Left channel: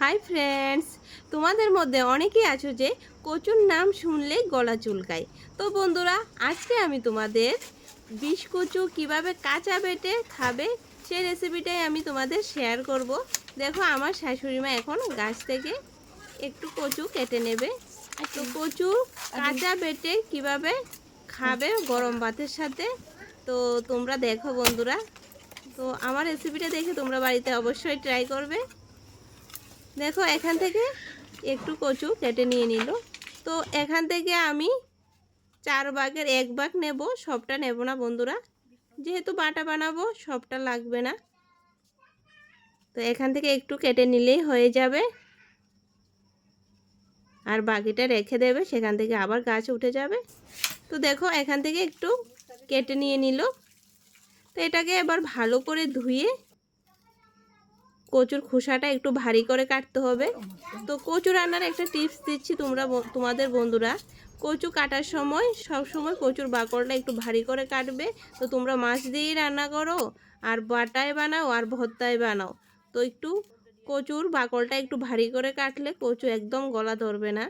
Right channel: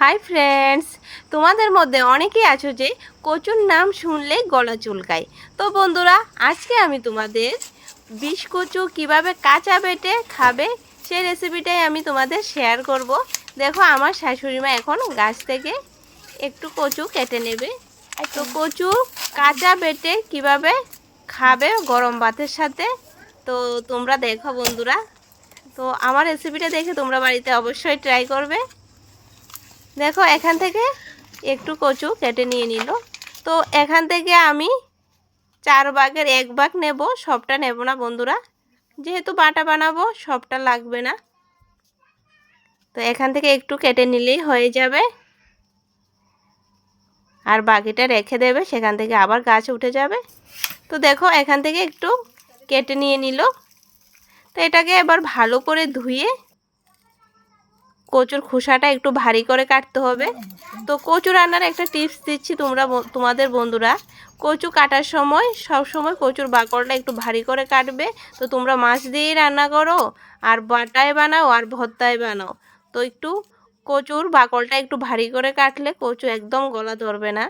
Hi friends তোমাদের মধ্যে অনেকেই আছো যে কচুর নাম শুনলেই গলা চুলকায়। তো বন্ধুরা আজকে আমি তোমাদের বিষ কচু কীভাবে কাঁচা বেটে খাবে সেই রেসিপিটাই আমি তোমাদের শেয়ার করব। দেখো আমার শাশুড়ি মা এখন গাছ থেকে একটু কচু কেটে নেবে। তো কচু কাঁচা বেটে কীভাবে খাবে গরম ভাতের সাথে? তো তোমরা দেখো বন্ধুরা। তো আমার রেসিপিটা দেখে তোমরা বাড়িতে অবশ্যই ট্রাই করবে। দেখো, এখান থেকে একটু কচু কেটে নিয়ে নিল। তো এখান থেকে আমি চার ভাগের এক ভাগ নেব, সবটা নেব না বন্ধুরা। যেহেতু বাটা বানাবো, সবটা লাগবে না। তো এখান থেকে একটু কেটে নিলেই হয়ে যাবে। আর বাকিটা রেখে দেবে, সেখান থেকে আবার গাছ উঠে যাবে। তো দেখো, এখান থেকে একটু কেটে নিয়ে নিল। তো এটাকে এবার ভালো করে ধুয়ে কচুর খোসাটা একটু ভারী করে কাটতে হবে। তো কচু রান্নার একটা টিপস দিচ্ছি তোমরা তোমাদের বন্ধুরা। কচু কাটার সময়, সব সময় কচুর বাকড়টা একটু ভারী করে কাটবে। তো তোমরা মাছ দিয়েই রান্না করো, আর বাটায় বানাও, আর ভর্তায় বানাও। তো একটু কচুর বাকড়টা একটু ভারী করে কাটলে কচু একদম গলা ধরবে না।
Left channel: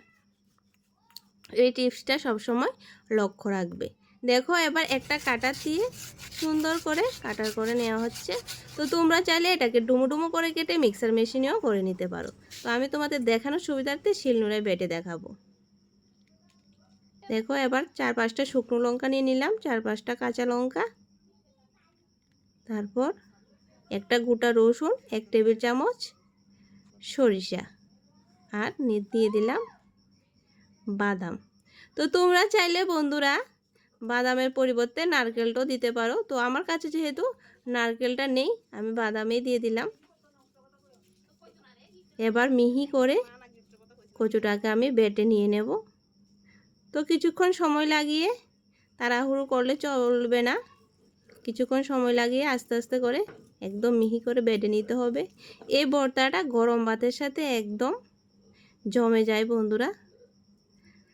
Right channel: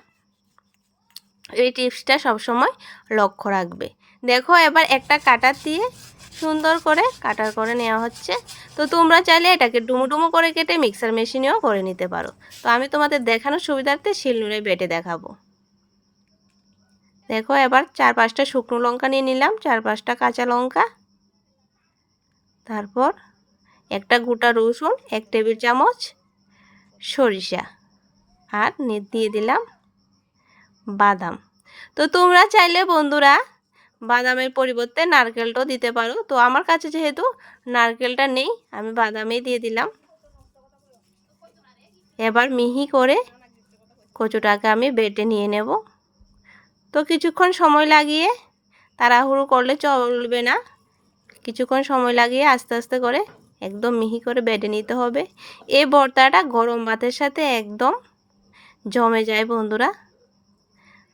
এই টিপসটা সবসময় লক্ষ্য রাখবে। দেখো এবার একটা কাটার দিয়ে সুন্দর করে কাটার করে নেওয়া হচ্ছে। তো তোমরা চাইলে এটাকে ডুমো ডুমো করে কেটে মিক্সার মেশিনেও করে নিতে পারো। তো আমি তোমাদের দেখানোর সুবিধার্থে শিলনুড়ে বেটে দেখাবো। দেখো এবার চার পাঁচটা শুকনো লঙ্কা নিয়ে নিলাম চার পাঁচটা কাঁচা লঙ্কা। তারপর একটা গোটা রসুন, এক টেবিল চামচ সরিষা আর দিয়ে দিলাম বাদাম। তো তোমরা চাইলে বন্ধুরা বাদামের পরিবর্তে নারকেলটাও দিতে পারো। তো আমার কাছে যেহেতু নারকেলটা নেই, আমি বাদামই দিয়ে দিলাম। এবার মিহি করে কচুটাকে আমি বেটে নিয়ে নেব। তো কিছুক্ষণ সময় লাগিয়ে তাড়াহুড়ো করলে চলবে না। কিছুক্ষণ সময় লাগিয়ে আস্তে আস্তে করে একদম মিহি করে বেটে নিতে হবে। এই ভর্তাটা গরম ভাতের সাথে একদম জমে যায় বন্ধুরা।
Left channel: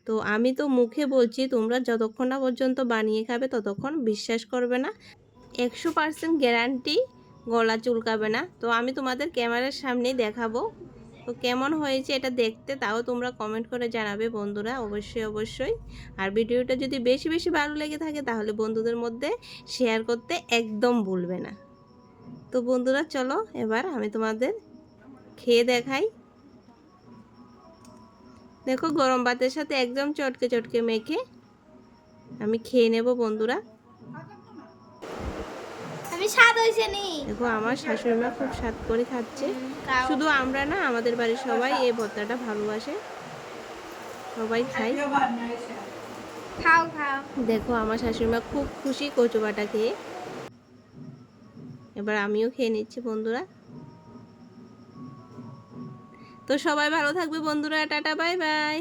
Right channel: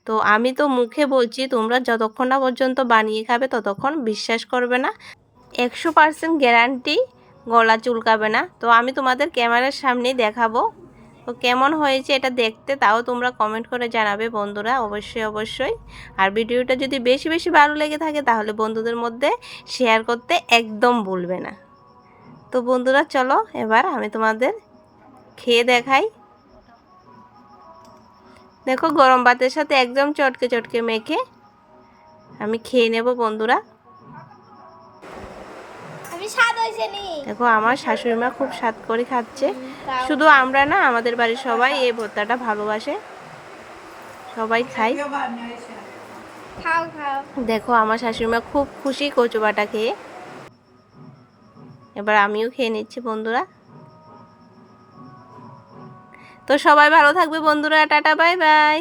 তো আমি তো মুখে বলছি, তোমরা যতক্ষণ না পর্যন্ত বানিয়ে খাবে ততক্ষণ বিশ্বাস করবে না। একশো পার্সেন্ট গ্যারান্টি গলা চুলকাবে না। তো আমি তোমাদের ক্যামেরার সামনেই দেখাবো। তো কেমন হয়েছে এটা দেখতে তাও তোমরা কমেন্ট করে জানাবে বন্ধুরা, অবশ্যই অবশ্যই। আর ভিডিওটা যদি বেশি বেশি ভালো লেগে থাকে তাহলে বন্ধুদের মধ্যে শেয়ার করতে একদম ভুলবে না। তো বন্ধুরা চলো, এবার আমি তোমাদের খেয়ে দেখাই। দেখো গরম ভাতের সাথে একদম চটকে চটকে মেখে আমি খেয়ে নেব বন্ধুরা। আমি স্বাদ হয়েছে নি। দেখো আমার শাশুড়ি মা খুব স্বাদ করে খাচ্ছে। শুধু আমরা না আমাদের বাড়ির সবাই এই ভর্তাটা ভালোবাসে। সবাই খাই খাও খাও। দেখো আমার শাশুড়ি মা খুব খুশি কচু বাটা খেয়ে। এবার আমিও খেয়ে নিচ্ছি বন্ধুরা। তো সবাই ভালো থাকবে বন্ধুরা টাটা বাই বাই।